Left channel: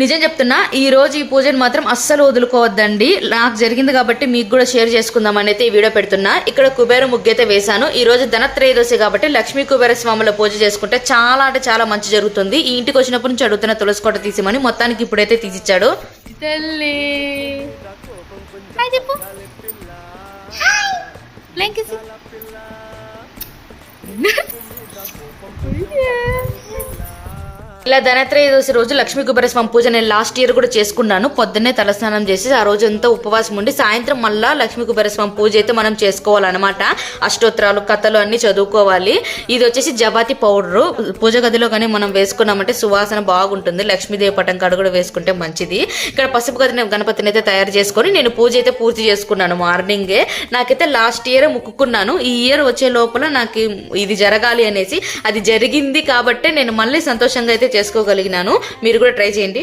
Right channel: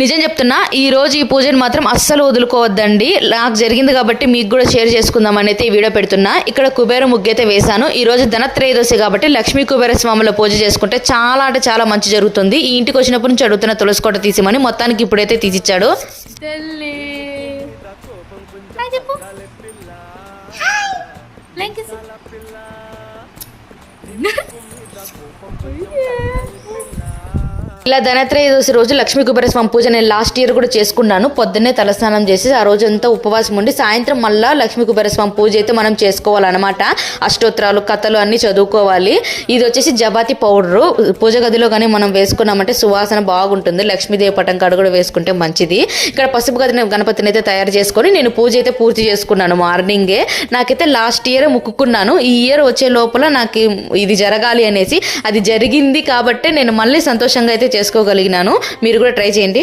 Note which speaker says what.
Speaker 1: నిజం చెప్తున్నా ఈ రోజు ఈ పూజను మాత్రం అస్సలు వదులుకోవద్దండి. నాకు జరిగింది కాబట్టి మీకు కూడా షేర్ చేసుకుందాం అయితే ఈ వీడియో పెడుతున్నా. ఇక్కడ కుబేర ముగ్గైతే వేశాను. ఈ రోజు ధనత్రయోదశి కాబట్టి లక్ష్మీ కుబేర స్వాముల పూజ చేసుకుంటే చాలా అంటే చాలా మంచి జరుగుతుంది. ఈ ఇంటికి వచ్చినప్పటి నుంచి అడుగుతున్న తులసి కోట తీసిమని మొత్తానికి ఇప్పుడైతే తీసిచ్చాడు.
Speaker 2: తల్లి
Speaker 1: ఇలా ధనత్రయోదశి రోజు లక్ష్మీ కుబేర స్వామి పూజ నేను లాస్ట్ ఇయర్ కూడా చేసుకున్నాను. పొద్దున్నే తలస్నానం చేసి ఆ రోజు అంతా ఉపవాసం ఉండి సాయంత్రం మళ్ళా లక్ష్మీ కుబేర స్వామి పూజ అయితే మనం చేసుకోవాలన్నమాట. అష్టోత్తరాలు కథలు అన్ని చదువుకోవాలి. ఇది వచ్చేసి జబాతి పౌడరు. పూజ గదిలో కానీ మనం వేసుకున్నామంటే సువాసన బాగుంటుంది. లక్ష్మీదేవి పటం కాడ కూడా వేసుకుంటే మంచిది. ఇక్కడ పసుపు గదిని గణపతిని అయితే తయారు చేసుకొని నేను పూజ అయితే పూర్తి చేసుకున్నాను మార్నింగే. నాకైతే లాస్ట్ ఇయర్ ముక్కుకున్నాను. ఈ ఇయర్ వచ్చే లోపల నాకు ఇది జరగాలి అనేసి అది జరిగింది కాబట్టి నేను మళ్ళీ సంతోషంగా అయితే చేసుకోగలిగినాను. మీరు కూడా ట్రై చేయండి.